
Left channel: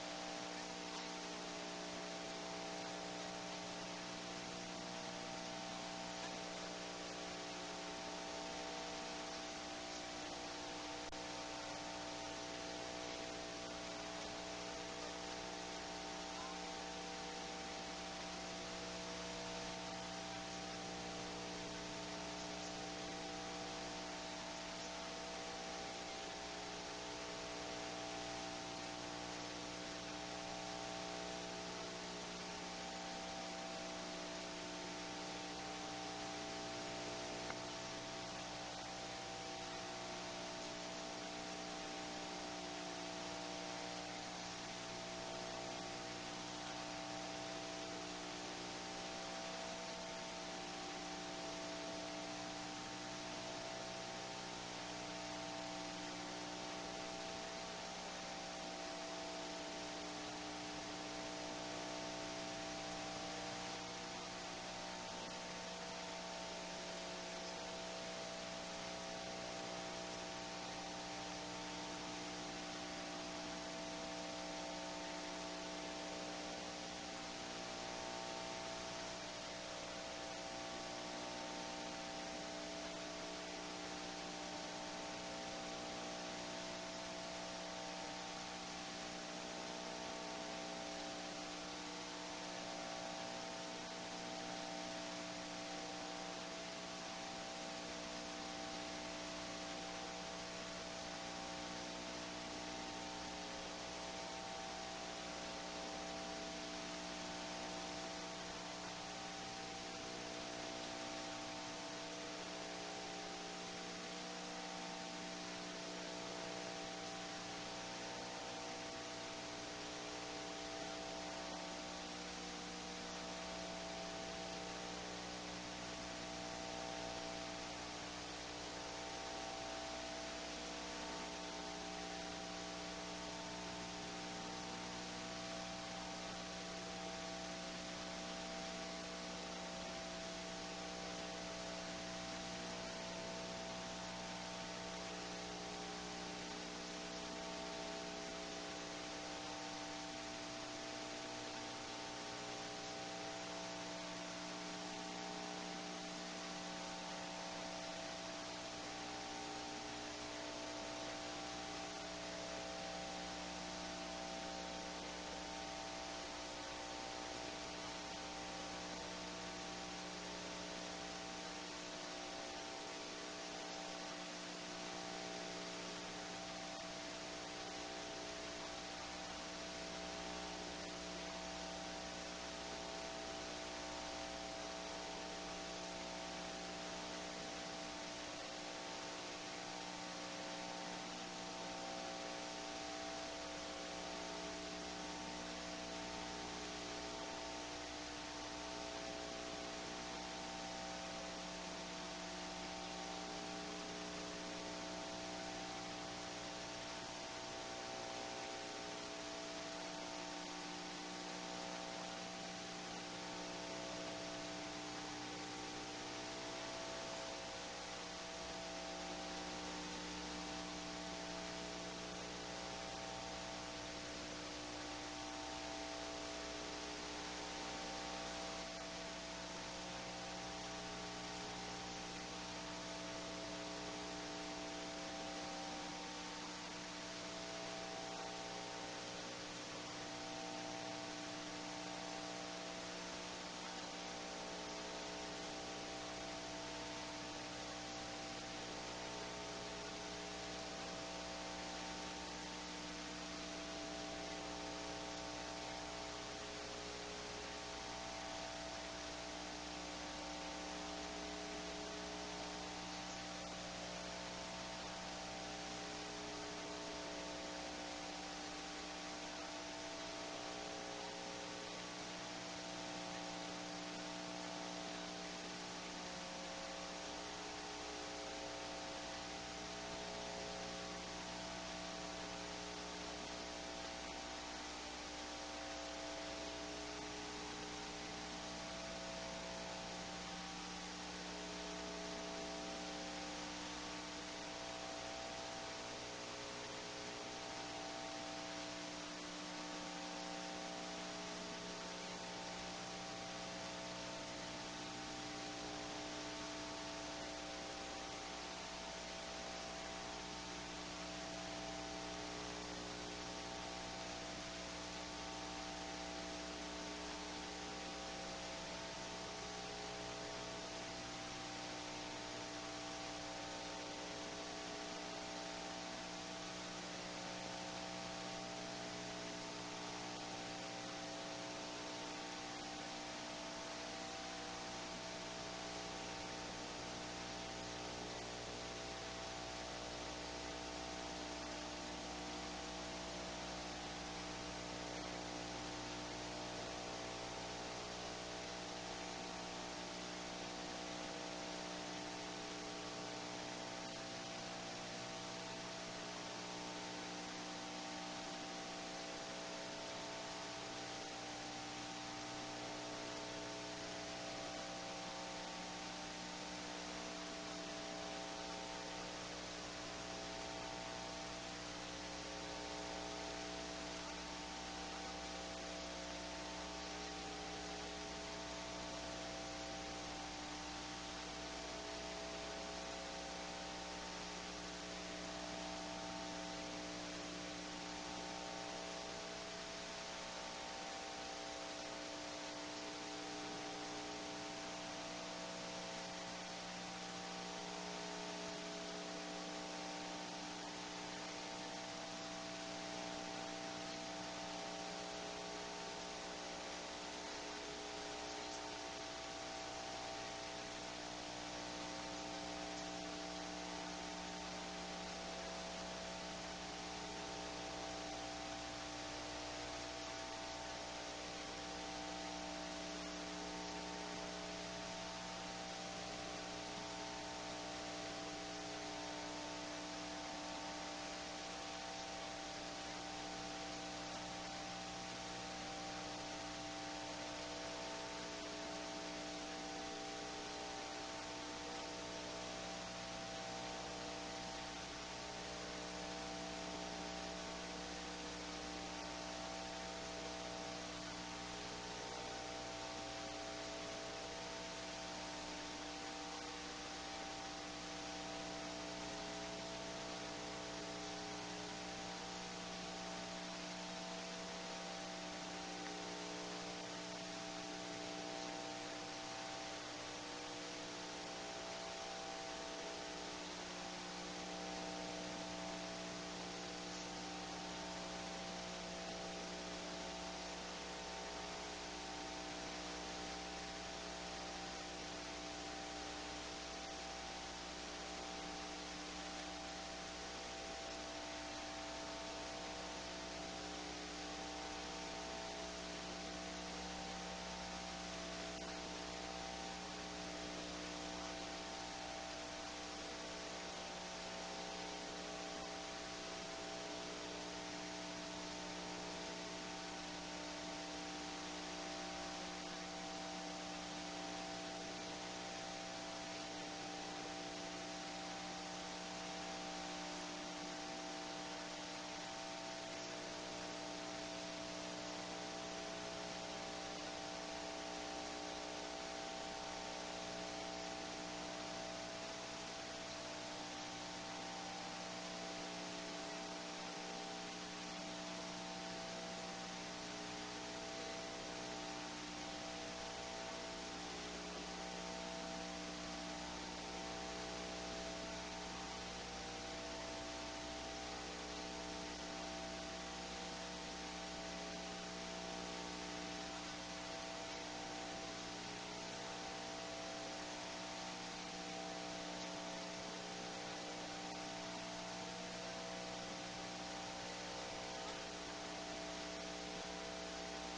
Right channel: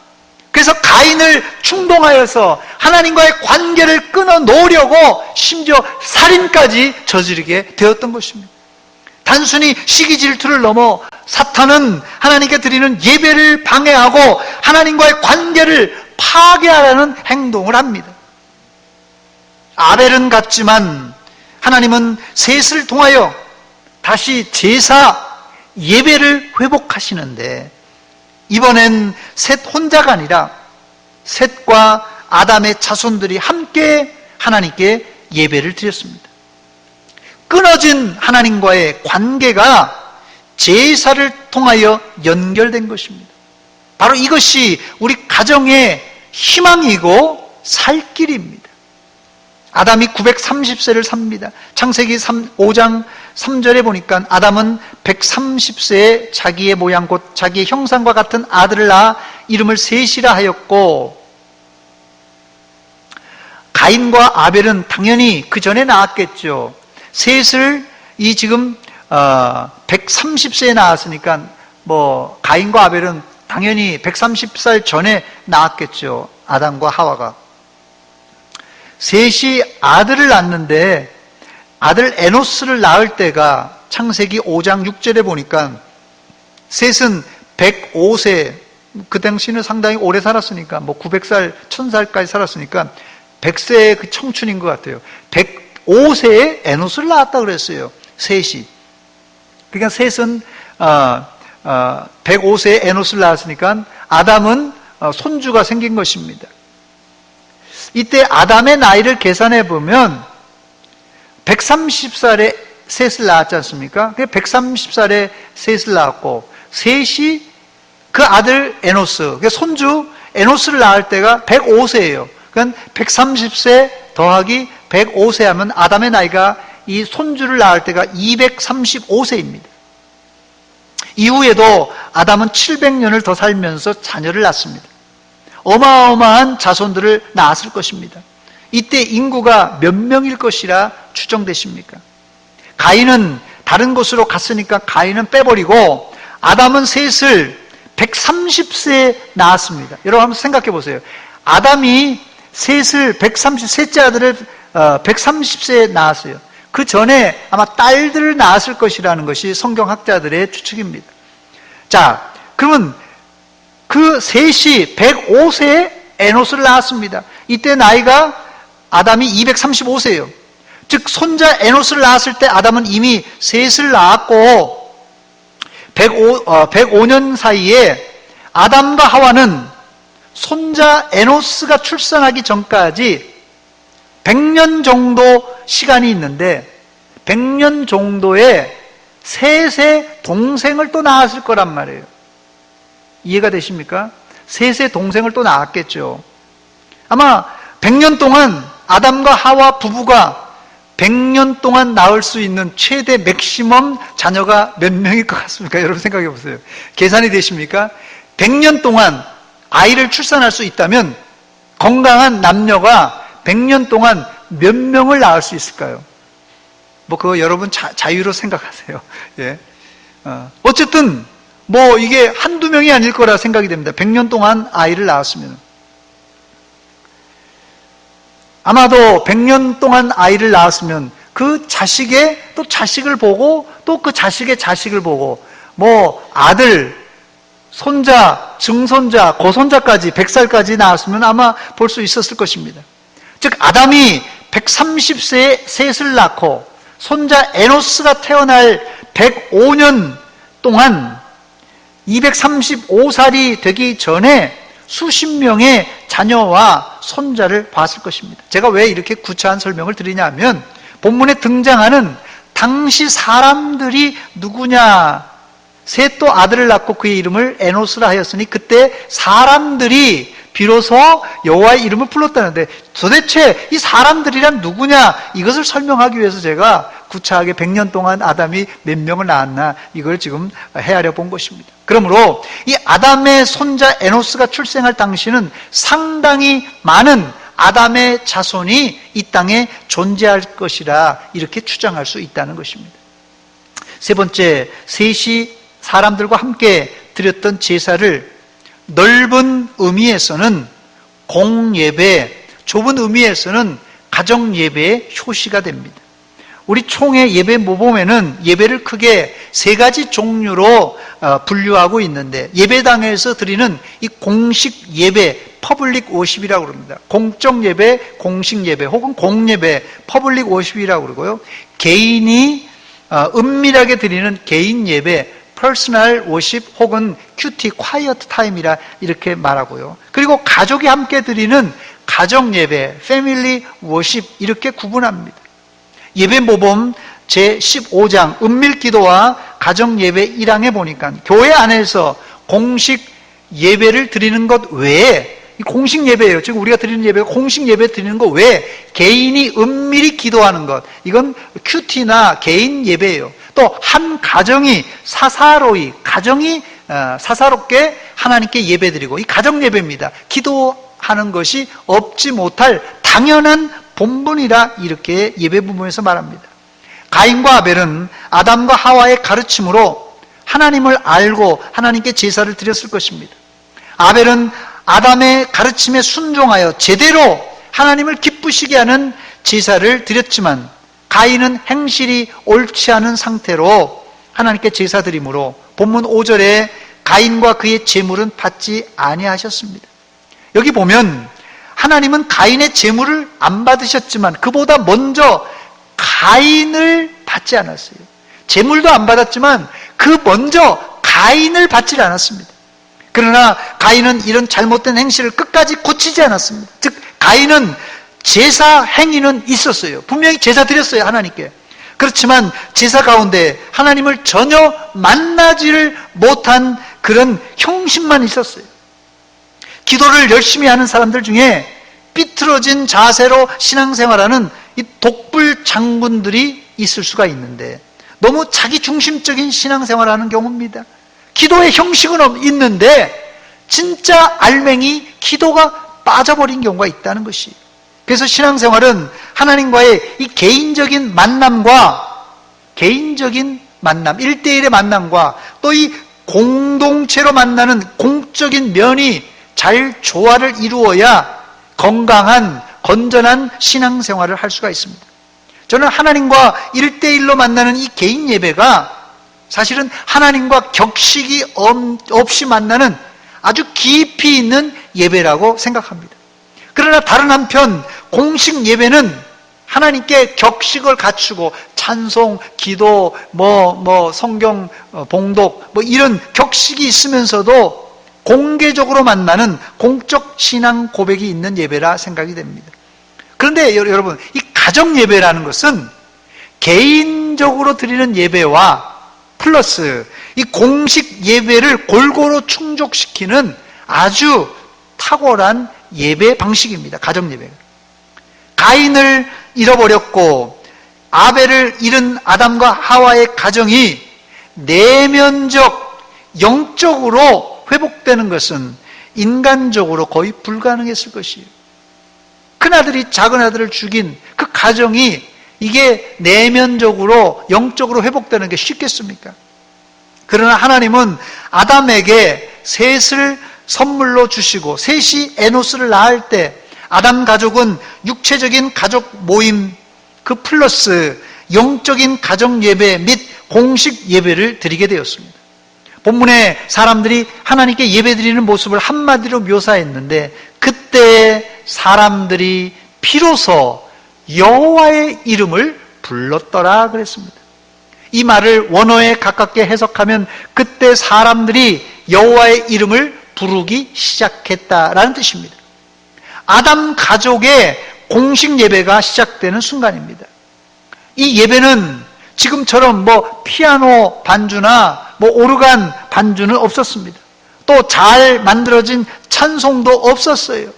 그래서 가인을 충동하여서 하나님과의 관계를 끊어 놓으려고 심지어 살인까지 저지르게 되었던 것입니다. 단순히 시기 질투를 넘어 사탄은 하나님께 드리는 예배를 방해하고 하나님과의 관계를 파괴하려는 행동을 합니다. 아벨은 갔지만 하나님은 셋을 통하여 다시 제사 예배를 회복하시는데 이번엔 셋 혼자가 아니라 셋과 아담의 자손들이 함께 하나님께 예배를 드렸습니다. 끊어진 하나님과의 관계가 제사를 통하여 연결된 것입니다. 바로 이것이 우리 가정의 희망이고 살 길입니다. 아담이 930세를 삽니다. 창세기 5장 3절에 보니까 아담은 130세에 자기의 모양 곧 자기의 형상과 같은 아들을 낳아 이름을 셋이라 하였고, 가인과 아벨은 당연히 그 전에 낳았겠죠. 셋을 지금 130세에 낳았으니까 가인과 아벨은 당연히 130살 전에 낳았겠죠. 아담과 하와가. 셋이 아들을 낳는데 아들 에노스를 낳을 때가 창세기 5장 6절에 보니까 셋은 105세, 그 당시는 상당히 오래 살았으니까 900살, 1000살까지 살았으니까 100세의 그 청춘인 것 같아요. 105세에 에노스를 낳았다 그랬어요. 셋이. 그러니까 셋은 105세에 에노스를 낳았으니까 아담은 손주가 생긴 것입니다. 이때 아담의 나이를 계산해 보면 130살에 셋을 낳았지 않습니까? 130살에 셋을 낳았고 셋이 그 아들 에노스, 손주 에노스를 낳을 때가 105세예요. 그러니까 130세 더하기 105세 하면 아담의 나이가 이 손주를 낳을 때가 235세입니다. 이후에도 아담은 700년을 더 살면서 자녀를 낳습니다. 어마어마한 자손들을 낳았을 것입니다. 이때 인구가 몇 명일 것이라 추정되십니까? 가인은 다른 곳으로 갔으니까 가인은 빼버리고 아담은 셋을 130세에 낳았습니다. 여러분 한번 생각해 보세요. 아담이 셋째 아들을 130세에 낳았어요. 그 전에 아마 딸들을 낳았을 것이라는 것이 성경학자들의 추측입니다. 자, 그러면 그 셋이 105세에 에노스를 낳았습니다. 이때 나이가 아담이 235세예요. 즉 손자 에노스를 낳았을 때 아담은 이미 셋을 낳았고 105년 사이에 아담과 하와는 손자 에노스가 출산하기 전까지 100년 정도 시간이 있는데 100년 정도에 셋의 동생을 또 낳았을 거란 말이에요. 이해가 되십니까? 셋의 동생을 또 낳았겠죠. 아마 100년 동안 아담과 하와 부부가 100년 동안 낳을 수 있는 최대 맥시멈 자녀가 몇 명일 것 같습니까? 여러분 생각해 보세요. 계산이 되십니까? 100년 동안 아이를 출산할 수 있다면 건강한 남녀가 100년 동안 몇 명을 낳을 수 있을까요? 뭐 그거 여러분 자유로 생각하세요. 예. 어쨌든 뭐 이게 한두 명이 아닐 거라 생각이 됩니다. 100년 동안 아이를 낳았으면. 아마도 100년 동안 아이를 낳았으면 그 자식의 또 자식을 보고 또 그 자식의 자식을 보고 뭐 아들, 손자, 증손자, 고손자까지 100살까지 낳았으면 아마 볼 수 있었을 것입니다. 즉 아담이 130세에 셋을 낳고 손자 에노스가 태어날 105년 동안 235살이 되기 전에 수십 명의 자녀와 손자를 봤을 것입니다. 제가 왜 이렇게 구차한 설명을 드리냐면 본문에 등장하는 당시 사람들이 누구냐, 셋도 아들을 낳고 그의 이름을 에노스라 하였으니 그때 사람들이 비로소 여호와의 이름을 불렀다는데 도대체 이 사람들이란 누구냐, 이것을 설명하기 위해서 제가 구차하게 100년 동안 아담이 몇 명을 낳았나 이걸 지금 헤아려 본 것입니다. 그러므로 이 아담의 손자 에노스가 출생할 당시는 상당히 많은 아담의 자손이 이 땅에 존재할 것이라 이렇게 추정할 수 있다는 것입니다. 세 번째, 셋이 사람들과 함께 드렸던 제사를 넓은 의미에서는 공예배, 좁은 의미에서는 가정예배의 효시가 됩니다. 우리 총회 예배 모범에는 예배를 크게 세 가지 종류로 분류하고 있는데 예배당에서 드리는 이 공식 예배, 퍼블릭 워십이라고 그럽니다. 공적 예배, 공식 예배 혹은 공예배, 퍼블릭 워십이라고 그러고요. 개인이 은밀하게 드리는 개인 예배, 퍼스널 워십 혹은 큐티, 콰이어트 타임이라 이렇게 말하고요. 그리고 가족이 함께 드리는 가정 예배, 패밀리 워십 이렇게 구분합니다. 예배 모범 제15장 은밀 기도와 가정 예배 1항에 보니까 교회 안에서 공식 예배를 드리는 것 외에 공식 예배예요. 지금 우리가 드리는 예배가 공식 예배 드리는 것 외에 개인이 은밀히 기도하는 것, 이건 큐티나 개인 예배예요. 또 한 가정이 사사로이 가정이 사사롭게 하나님께 예배드리고 이 가정 예배입니다. 기도하는 것이 없지 못할 당연한 본분이라 이렇게 예배 부분에서 말합니다. 가인과 아벨은 아담과 하와의 가르침으로 하나님을 알고 하나님께 제사를 드렸을 것입니다. 아벨은 아담의 가르침에 순종하여 제대로 하나님을 기쁘시게 하는 제사를 드렸지만 가인은 행실이 옳지 않은 상태로 하나님께 제사 드림으로 본문 5절에 가인과 그의 제물은 받지 아니하셨습니다. 여기 보면 하나님은 가인의 제물을 안 받으셨지만 그보다 먼저 가인을 받지 않았어요. 제물도 안 받았지만 그 먼저 가인을 받지 않았습니다. 그러나 가인은 이런 잘못된 행실을 끝까지 고치지 않았습니다. 즉 가인은 제사 행위는 있었어요. 분명히 제사 드렸어요, 하나님께. 그렇지만 제사 가운데 하나님을 전혀 만나지를 못한 그런 형식만 있었어요. 기도를 열심히 하는 사람들 중에 삐뚤어진 자세로 신앙생활하는 이 독불 장군들이 있을 수가 있는데 너무 자기 중심적인 신앙생활을 하는 경우입니다. 기도의 형식은 있는데 진짜 알맹이 기도가 빠져버린 경우가 있다는 것이. 그래서 신앙생활은 하나님과의 이 개인적인 만남과 개인적인 만남, 1대1의 만남과 또 이 공동체로 만나는 공적인 면이 잘 조화를 이루어야 건강한 건전한 신앙생활을 할 수가 있습니다. 저는 하나님과 1대1로 만나는 이 개인 예배가 사실은 하나님과 격식이 없이 만나는 아주 깊이 있는 예배라고 생각합니다. 그러나 다른 한편 공식 예배는 하나님께 격식을 갖추고 찬송, 기도, 성경 봉독 이런 격식이 있으면서도 공개적으로 만나는 공적 신앙 고백이 있는 예배라 생각이 됩니다. 그런데 여러분, 이 가정 예배라는 것은 개인적으로 드리는 예배와 플러스 이 공식 예배를 골고루 충족시키는 아주 탁월한 예배 방식입니다. 가정 예배. 가인을 잃어버렸고 아벨을 잃은 아담과 하와의 가정이 내면적, 영적으로 회복되는 것은 인간적으로 거의 불가능했을 것이에요. 큰아들이 작은아들을 죽인 그 가정이 이게 내면적으로, 영적으로 회복되는 게 쉽겠습니까? 그러나 하나님은 아담에게 셋을 선물로 주시고 셋이 에노스를 낳을 때 아담 가족은 육체적인 가족 모임 그 플러스 영적인 가정 예배 및 공식 예배를 드리게 되었습니다. 본문에 사람들이 하나님께 예배드리는 모습을 한마디로 묘사했는데 그때 사람들이 비로소 여호와의 이름을 불렀더라 그랬습니다. 이 말을 원어에 가깝게 해석하면 그때 사람들이 여호와의 이름을 부르기 시작했다라는 뜻입니다. 아담 가족의 공식 예배가 시작되는 순간입니다. 이 예배는 지금처럼 피아노 반주나 오르간 반주는 없었습니다. 또 잘 만들어진 찬송도 없었어요.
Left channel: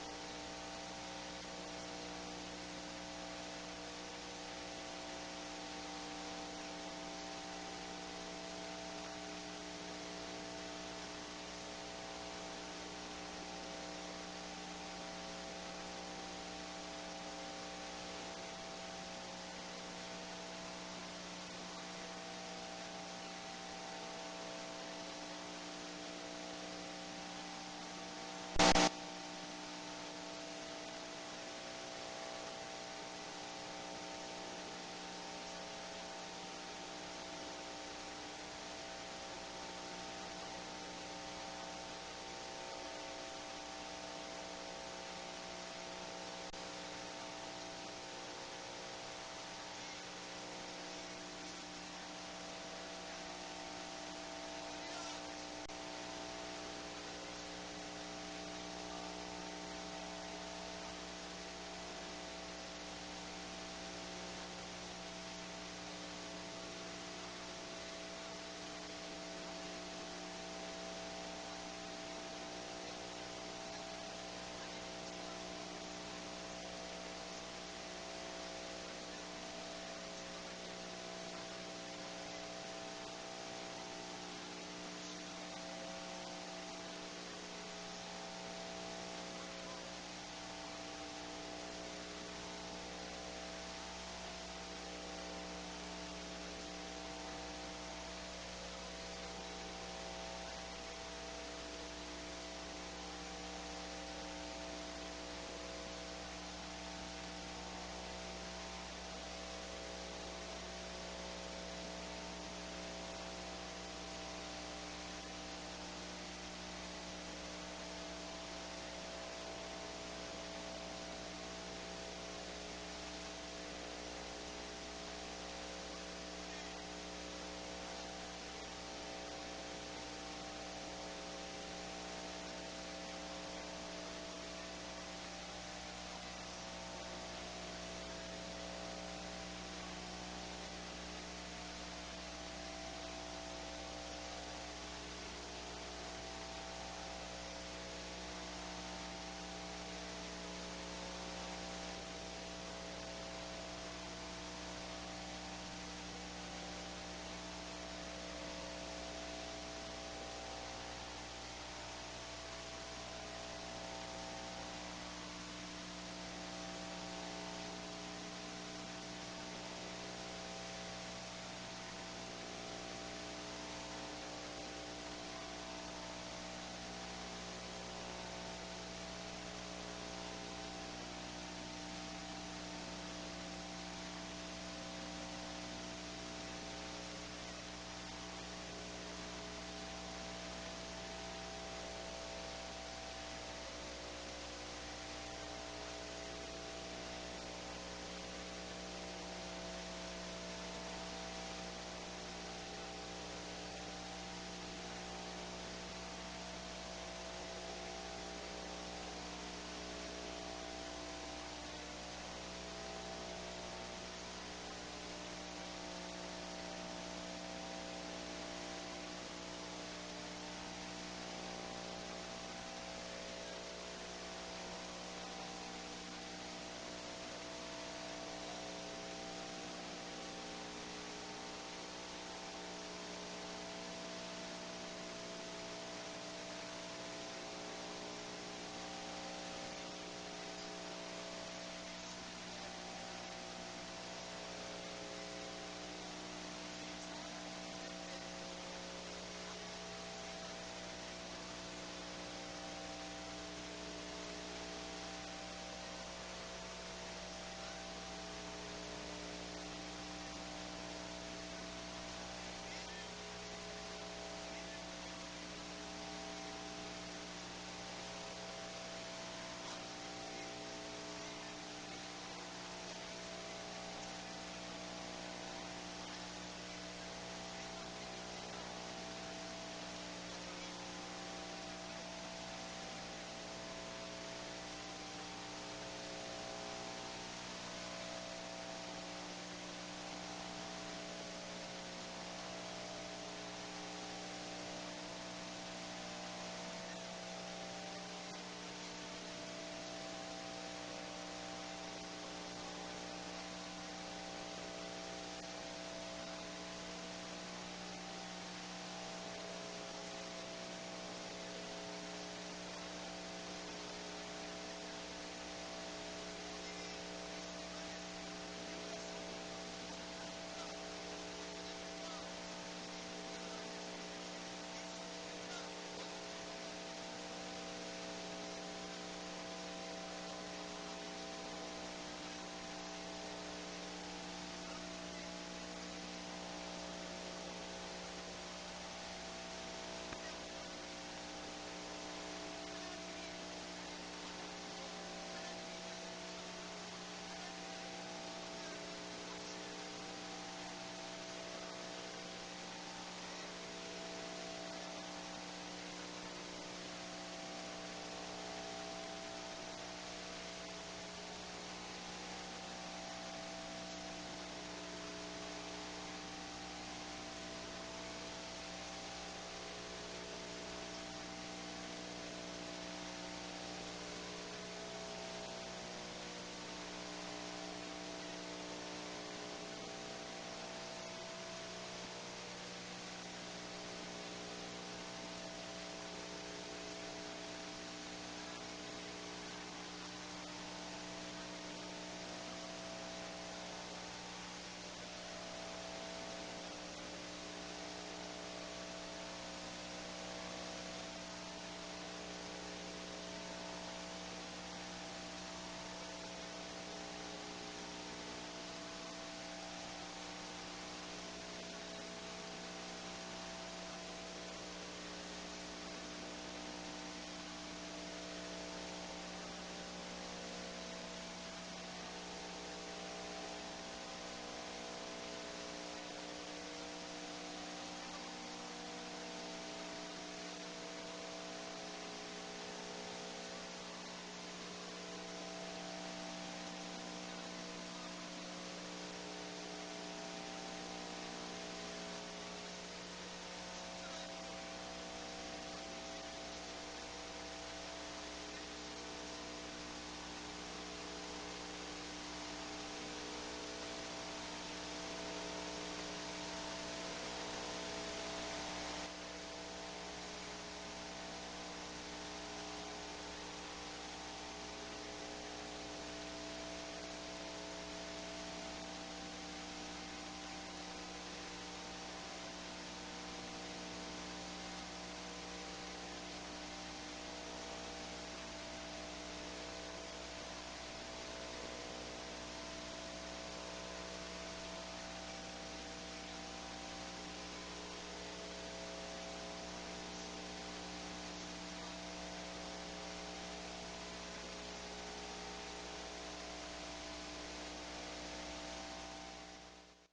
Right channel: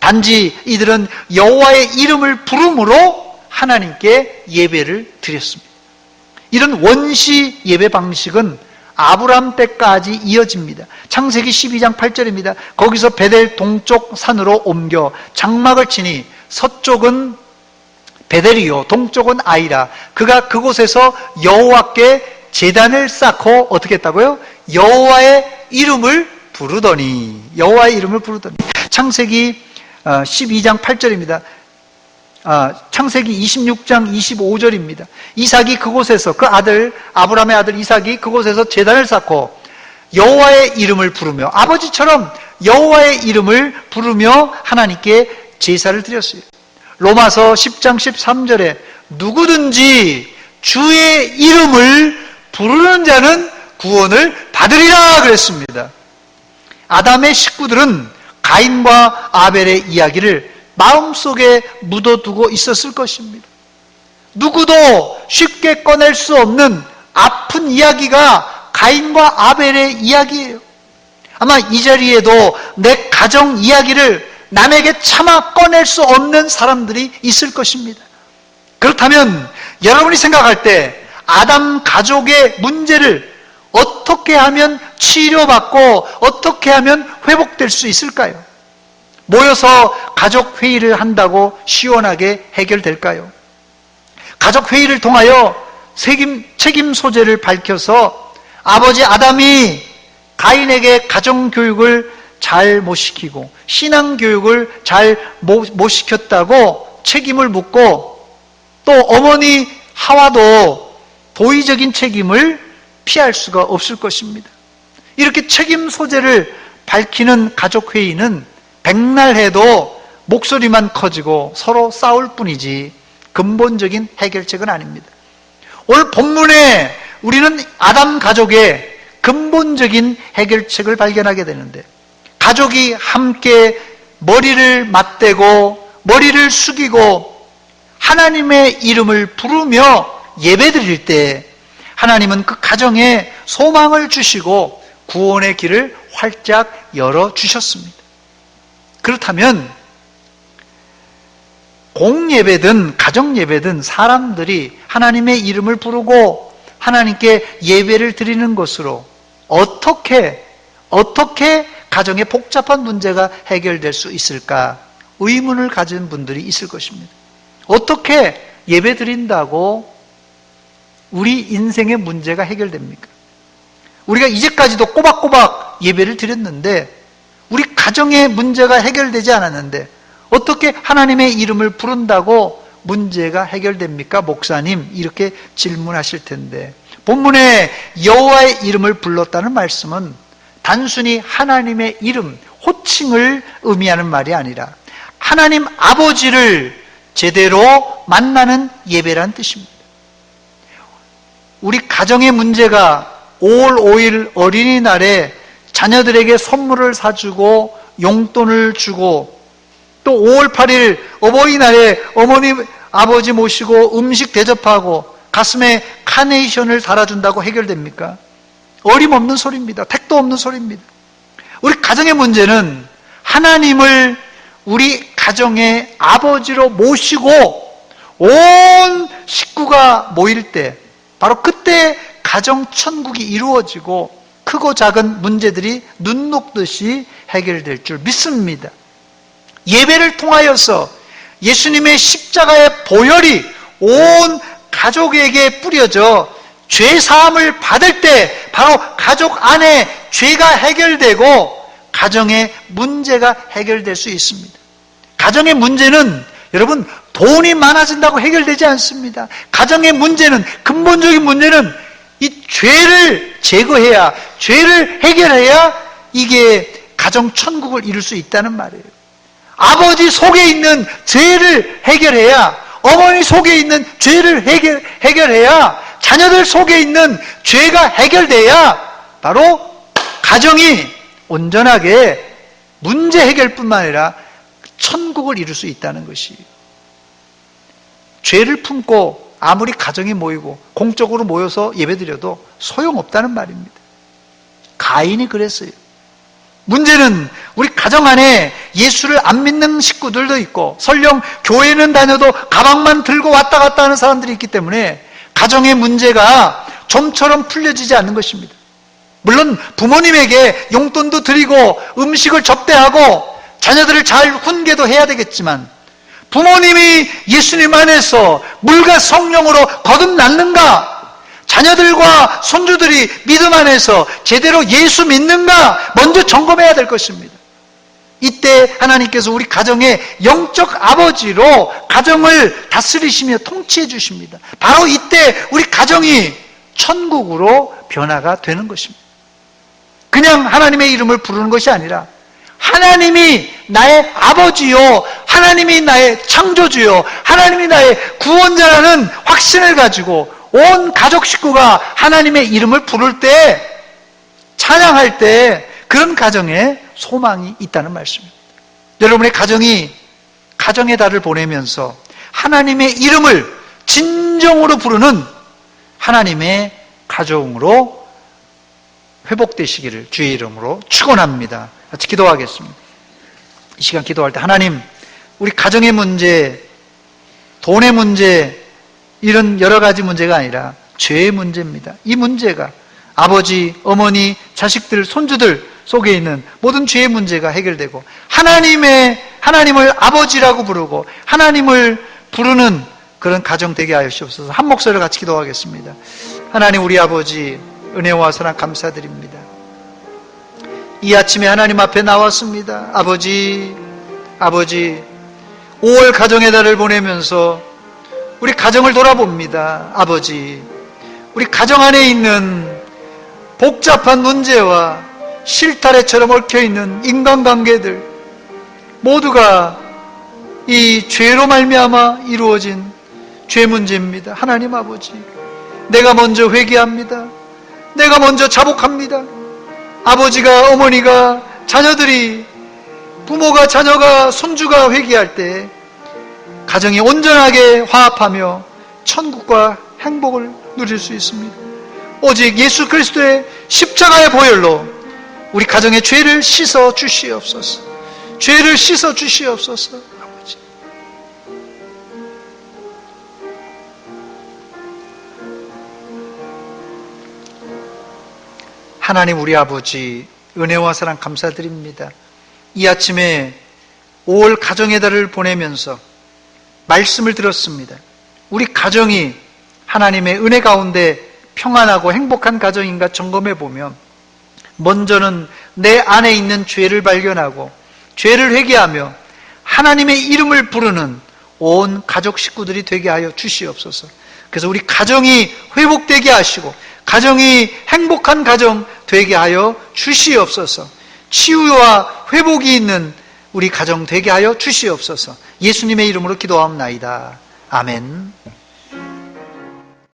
단지 이들은 여호와의 이름을 부름으로 하나님께 예배를 드렸습니다. 이런 원시 예배 방식은 아브람 때까지 이어집니다. 창세기 12장 8절입니다. 거기서 베델 동쪽 산으로 옮겨 장막을 치니 서쪽은 베델이요 동쪽은 아이라. 그가 그곳에서 여호와께 제단을 쌓고 어떻게 했다고요? 여호와의 이름을 부르더니 창세기 12장 8절입니다. 창세기 26장 25절입니다. 이삭이 그곳에서 그 아들 아브라함의 아들 이삭이 그곳에서 제단을 쌓고 여호와의 이름을 부르며 아버지처럼 여호와의 이름을 부르며 하나님께 제사를 드렸어요. 로마서 10장 13절에 누구든지 주의 이름을 부르는 자는 구원을 받으리라 그랬습니다. 아담의 식구들은 가인과 아벨의 이야기를 마음속에 묻어두고 있었을 것입니다. 누구도 쉽게 꺼낼 수 없는 아픈 이야기가 가인과 아벨의 이야기예요. 아마 이 자리에도 내 가정 이야기를 남에게 차마 꺼낼 수 없는 사람들이 있을 것입니다. 그렇다면 여러분이 생각할 때 아담 가족의 문제를 어떻게 하면 치료받고 어떻게 하면 회복될 수 있을까요? 모여서 가족 회의를 한다고 시원하게 해결될까요? 가족 회의를 통하여 책임 소재를 밝혀서 아버지 아담이 가인에게 가정 교육을 잘 못 시키고 신앙 교육을 잘 못 시켰다고 책임을 묻고 또 어머니 하와도 도의적인 책임을 피할 수가 없을 것입니다. 이렇게 책임 소재를 밝히는 가족 회의는 백날 해도 목소리만 커지고 서로 싸울 뿐이지 근본적인 해결책은 아닙니다. 오늘 본문에 우리는 아담 가족의 근본적인 해결책을 발견하게 되는데 가족이 함께 머리를 맞대고 머리를 숙이고 하나님의 이름을 부르며 예배드릴 때 하나님은 그 가정에 소망을 주시고 구원의 길을 활짝 열어주셨습니다. 그렇다면 공예배든 가정예배든 사람들이 하나님의 이름을 부르고 하나님께 예배를 드리는 것으로 어떻게 가정의 복잡한 문제가 해결될 수 있을까 의문을 가진 분들이 있을 것입니다. 어떻게 예배 드린다고 우리 인생의 문제가 해결됩니까? 우리가 이제까지도 꼬박꼬박 예배를 드렸는데 우리 가정의 문제가 해결되지 않았는데 어떻게 하나님의 이름을 부른다고 문제가 해결됩니까? 목사님, 이렇게 질문하실 텐데 본문에 여호와의 이름을 불렀다는 말씀은 단순히 하나님의 이름, 호칭을 의미하는 말이 아니라 하나님 아버지를 제대로 만나는 예배란 뜻입니다. 우리 가정의 문제가 5월 5일 어린이날에 자녀들에게 선물을 사주고 용돈을 주고 또 5월 8일 어버이날에 어머니 아버지 모시고 음식 대접하고 가슴에 카네이션을 달아준다고 해결됩니까? 어림없는 소리입니다. 택도 없는 소리입니다. 우리 가정의 문제는 하나님을 우리 가정의 아버지로 모시고 온 식구가 모일 때, 바로 그때 가정 천국이 이루어지고 크고 작은 문제들이 눈 녹듯이 해결될 줄 믿습니다. 예배를 통하여서 예수님의 십자가의 보혈이 온 가족에게 뿌려져 죄 사함을 받을 때 바로 가족 안에 죄가 해결되고 가정의 문제가 해결될 수 있습니다. 가정의 문제는 여러분 돈이 많아진다고 해결되지 않습니다. 가정의 문제는, 근본적인 문제는 이 죄를 제거해야, 죄를 해결해야 이게 가정 천국을 이룰 수 있다는 말이에요. 아버지 속에 있는 죄를 해결해야, 어머니 속에 있는 죄를 해결해야, 자녀들 속에 있는 죄가 해결돼야 바로 가정이 온전하게 문제 해결뿐만 아니라 천국을 이룰 수 있다는 것이, 죄를 품고 아무리 가정이 모이고 공적으로 모여서 예배드려도 소용없다는 말입니다. 가인이 그랬어요. 문제는 우리 가정 안에 예수를 안 믿는 식구들도 있고 설령 교회는 다녀도 가방만 들고 왔다 갔다 하는 사람들이 있기 때문에 가정의 문제가 좀처럼 풀려지지 않는 것입니다. 물론 부모님에게 용돈도 드리고 음식을 접대하고 자녀들을 잘 훈계도 해야 되겠지만, 부모님이 예수님 안에서 물과 성령으로 거듭났는가, 자녀들과 손주들이 믿음 안에서 제대로 예수 믿는가 먼저 점검해야 될 것입니다. 이때 하나님께서 우리 가정의 영적 아버지로 가정을 다스리시며 통치해 주십니다. 바로 이때 우리 가정이 천국으로 변화가 되는 것입니다. 그냥 하나님의 이름을 부르는 것이 아니라 하나님이 나의 아버지요, 하나님이 나의 창조주요, 하나님이 나의 구원자라는 확신을 가지고 온 가족 식구가 하나님의 이름을 부를 때, 찬양할 때 그런 가정에 소망이 있다는 말씀입니다. 여러분의 가정이 가정의 달을 보내면서 하나님의 이름을 진정으로 부르는 하나님의 가정으로 회복되시기를 주의 이름으로 축원합니다. 같이 기도하겠습니다. 이 시간 기도할 때 하나님, 우리 가정의 문제, 돈의 문제, 이런 여러 가지 문제가 아니라 죄의 문제입니다. 이 문제가 아버지, 어머니, 자식들, 손주들 속에 있는 모든 죄의 문제가 해결되고 하나님을 아버지라고 부르고 하나님을 부르는 그런 가정 되게 하여 주옵소서. 한 목소리로 같이 기도하겠습니다. 하나님, 우리 아버지, 은혜와 사랑 감사드립니다. 이 아침에 하나님 앞에 나왔습니다. 아버지, 5월 가정의 달을 보내면서 우리 가정을 돌아봅니다. 아버지, 우리 가정 안에 있는 복잡한 문제와 실타래처럼 얽혀있는 인간관계들 모두가 이 죄로 말미암아 이루어진 죄 문제입니다. 하나님 아버지, 내가 먼저 회개합니다. 내가 먼저 자복합니다. 아버지가, 어머니가, 자녀들이, 부모가, 자녀가, 손주가 회개할 때 가정이 온전하게 화합하며 천국과 행복을 누릴 수 있습니다. 오직 예수 그리스도의 십자가의 보혈로 우리 가정의 죄를 씻어 주시옵소서. 죄를 씻어 주시옵소서. 아버지, 하나님 우리 아버지, 은혜와 사랑 감사드립니다. 이 아침에 5월 가정의 달을 보내면서 말씀을 들었습니다. 우리 가정이 하나님의 은혜 가운데 평안하고 행복한 가정인가 점검해 보면, 먼저는 내 안에 있는 죄를 발견하고 죄를 회개하며 하나님의 이름을 부르는 온 가족 식구들이 되게 하여 주시옵소서. 그래서 우리 가정이 회복되게 하시고 가정이 행복한 가정 되게 하여 주시옵소서. 치유와 회복이 있는 우리 가정 되게 하여 주시옵소서. 예수님의 이름으로 기도하옵나이다. 아멘.